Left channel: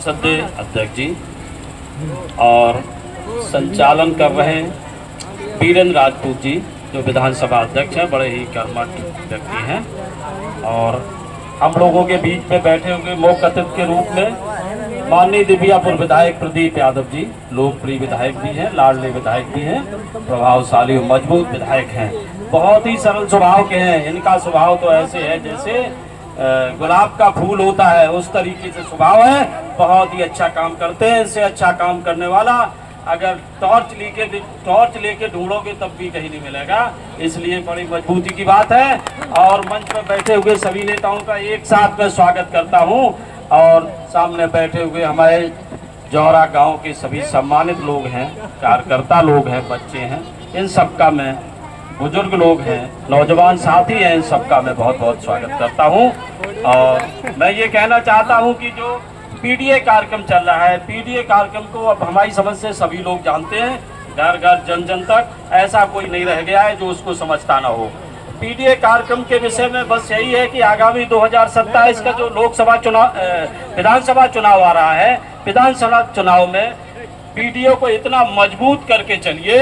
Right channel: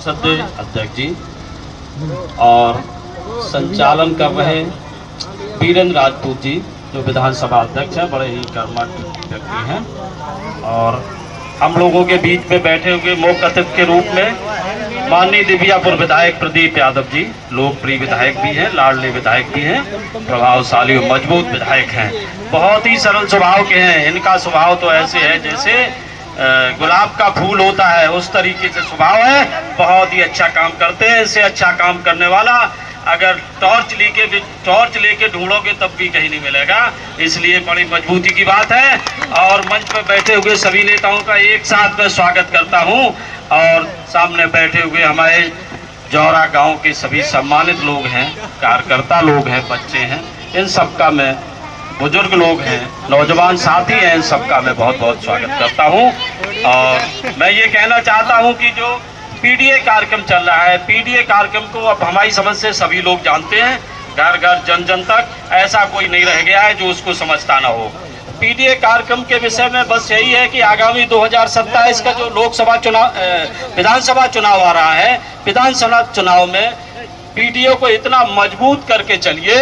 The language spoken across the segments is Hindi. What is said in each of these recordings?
सदे अध्यक्ष जी और संचालन कर रहे वीरेंद्र राजपूत जी जो विधानसभा अध्यक्ष हैं, बड़े ही कर्मठ व्यक्ति हैं। और हम लोगों के बीच में बैठे हुए मुख्य अतिथि के रूप में माननीय दिव्यापुर विधायक प्रदीप यादव जी, लोकप्रिय विधायक भी हैं, लाडले विधायक भी हैं, प्रभावशाली और मजबूत विधायक हैं। बहुत ही सरल स्वभाव के हैं। इनका स्वभाव तो ऐसे है जैसे गुलाब का फूल होता है, उस तरीके से स्वभाव है। बहुत ही अच्छा काम करते हैं। इससे अच्छा काम करने वाला अगर टॉर्च लेके ढूंढोगे तब भी कहीं नहीं मिलेगा। इसलिए बड़ी मजबूती की बात है। और मंच पर बैठे हुए सभी नेताओं का एक साथ में स्वागत करता हूं। और सामने बैठे हुए हमारे जौरा गांव के सभी सम्मानित लोग हैं, कार्यकर्ता लोग हैं, बच्चे हैं, इन सबका मैं, बुजुर्ग लोग हैं, नौजवान साथी हैं, इन सबका मैं बहुत बहुत स्वागत करता हूं। और मैं ये कहना चाहता हूं कि जो पीडीए कार्यक्रम चल रहा है, पीडीए कार्यक्रम को अब हमारी समझ से सभी लोग जानते हैं, घर घर जन जन तक ऐसा कोई नहीं रह गया है जो उसको समझता ना हो। पीडीए कार्यक्रम के विषय में बस यही है कि आगामी 2027 का जो लोकसभा चुनाव, विधानसभा चुनाव आ रहा है, विधानसभा चुनाव में पीडीए को इतना मजबूत करके चलिए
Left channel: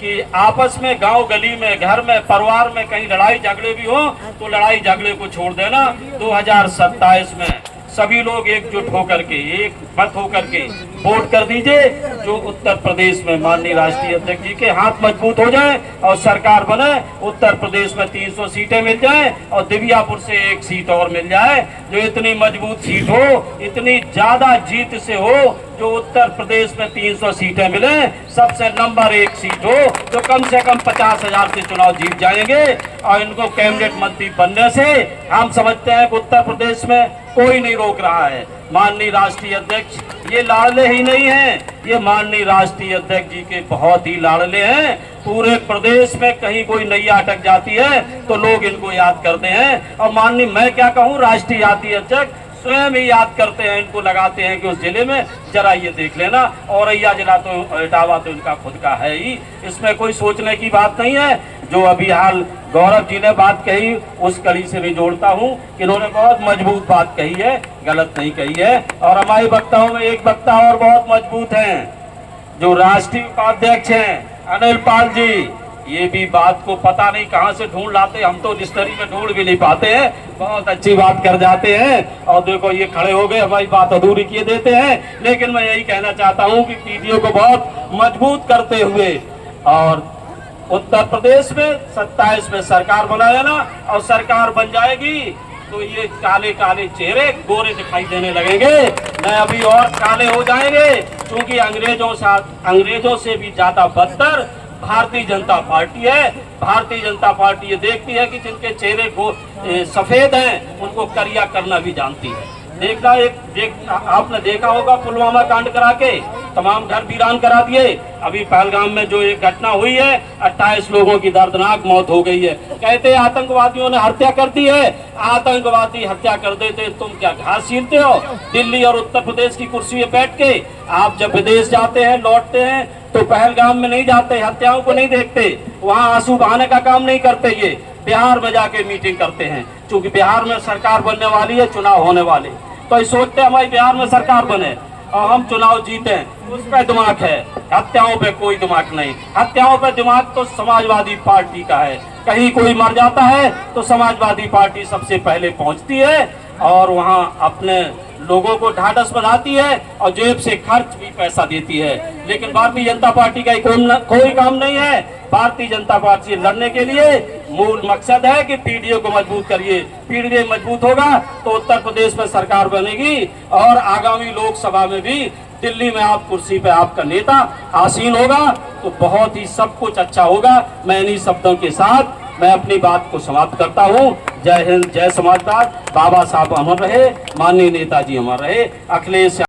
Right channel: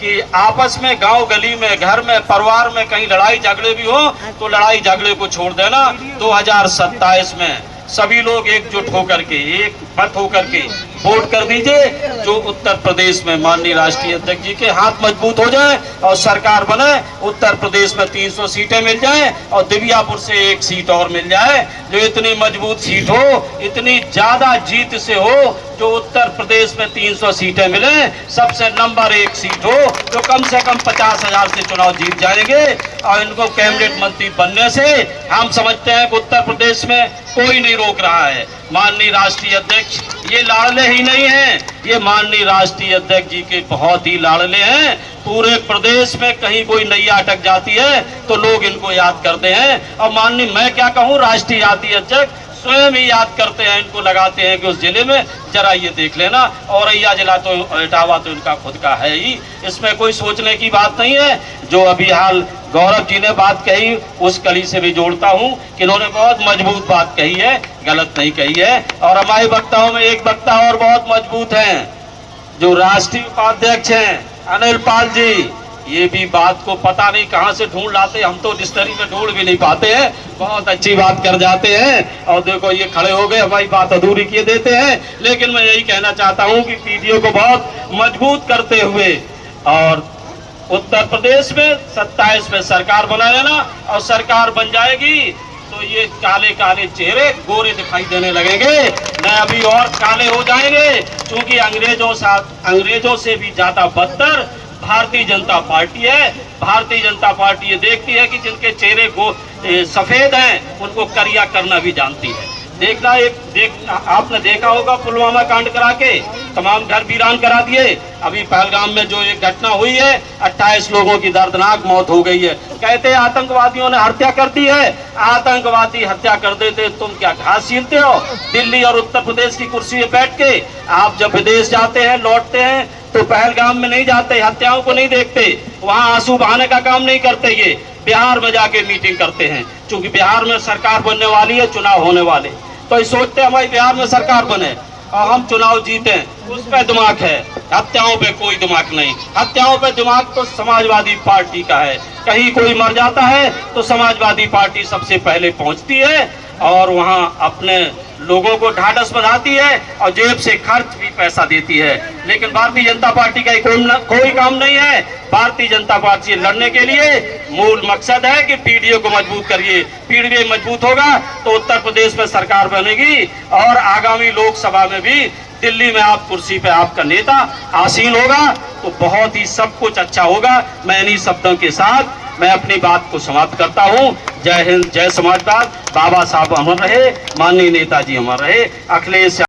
कि आपस में, गांव गली में, घर में, परिवार में कहीं लड़ाई झगड़े भी हो तो लड़ाई झगड़े को छोड़ देना। 2027 में सभी लोग एकजुट होकर के, एक मत होकर के वोट कर दीजिए। जो उत्तर प्रदेश में माननीय राष्ट्रीय अध्यक्ष जी के हाथ मजबूत हो जाए और सरकार बने, उत्तर प्रदेश में 300 सीटें मिल जाएं और दिव्यापुर से 1 सीट और मिल जाए। जो इतनी मजबूत सीट हो, इतनी ज्यादा जीत से हो, जो उत्तर प्रदेश में 300 सीटें मिले, सबसे नंबर 1 सीट हो, जो कम से कम 50,000 से चुनाव जीत जाएंगे। और इनको कैबिनेट मंत्री बनने से हम समझते हैं कि उत्तर प्रदेश में कोई नहीं रोक रहा है। माननीय राष्ट्रीय अध्यक्ष ये लाडले ही नहीं हैं, ये माननीय राष्ट्रीय अध्यक्ष जी के बहुत ही लाडले हैं। पूरे प्रदेश में कहीं कोई नैया अटक जाती है तो लोग इनको याद करते हैं। और माननीय, मैं क्या कहूँ, राष्ट्रीय जातीय अध्यक्ष स्वयं ही याद करते हैं, इनको लगाते हैं कि उस जिले में जरा ये देख लेना। औरैया जिला तो, इटावा तो इनका खुद का है ही, इसमें कोई सोचने की बात नहीं है। जो अभी हाल गौरव जी ने बात कही, उस कड़ी से भी जोड़ता हूं कि इन्होंने बहुत मजबूत बात कही है, गलत नहीं कही है। और हमारे वक्ताओं में एक वक्ता और बहुत मजबूत हैं, जो राष्ट्रीय उपाध्यक्ष हैं, अनिल पाल जी। ये भी बात को पता नहीं कहां से ढूंढ लाते, हम तो डिक्शनरी में ढूंढ भी नहीं पाते हैं। बहुत अच्छी बात कर जाते हैं। और देखो ये खड़े हो गए, हमारी बात अधूरी किए देते हैं। लेकिन मैं यही कहना चाहता हूं कि पीडीए को बहुत मजबूत करते हुए और उत्तर प्रदेश में 27 में सरकार बना लेना। और सरकार बन जाएगी तो ये काले काले चेहरे गोरे दिखाई देने लगेंगे, न अभी और काले हो जाएंगे। क्योंकि अंग्रेजों से भी ज्यादा बदतर भारतीय जनता पार्टी है। भारतीय जनता पार्टी ये देखती है कि जिनके चेहरे सफेद हैं उनको करिया करना भी जानती है। आपने देखा होगा पुलवामा कांड करा के तमाम घर वीरान करा दिए। अभी पहलगाम में जो एक घटना हुई है, 28 लोगों की दर्दनाक मौत हो गई है। कहते हैं आतंकवादियों ने हत्या कर दी है। आतंकवादी हत्या कर देते, तुम क्या घास छीलते हो? दिल्ली और उत्तर प्रदेश की कुर्सी पे बैठ के आप जब विदेश जाते हैं, लौटते हैं, तो पहलगाम में नहीं जाते, हत्याओं को नहीं देखते, वहाँ आंसू बहाने का काम नहीं करते। ये बिहार में जाके मीटिंग करते हैं, क्योंकि बिहार में सरकार बनने वाली है, चुनाव होने वाले, तो ये सोचते हमारी बिहार में सरकार बने और हम चुनाव जीते। उस पे दिमाग है, हत्याओं पे कोई दिमाग नहीं। हत्याओं पे दिमाग तो समाजवादी पार्टी का है। कहीं कोई मर जाता है तो समाजवादी पार्टी सबसे पहले पहुंचती है और वहां अपने लोगों को ढाढ़स बनाती है और जेब से खर्च भी पैसा देती है। लेकिन भारतीय जनता पार्टी का कोई काम नहीं है। भारतीय जनता पार्टी लड़ने के लिए मूल मकसद है कि पीडीए को मजबूत करिए। पीडीए मजबूत होगा तो उत्तर प्रदेश में सरकार बनेगी और आगामी लोकसभा में भी दिल्ली में आप कुर्सी पे आपका नेता आसीन होगा, तो बहुत ही सब कुछ अच्छा होगा। मैं इन्हीं शब्दों के साथ मैं अपनी बात को समाप्त करता हूं। जय हिंद, जय समाजवाद। बाबा साहब अमर रहे, माननीय नेताजी अमर रहे। अखिलेश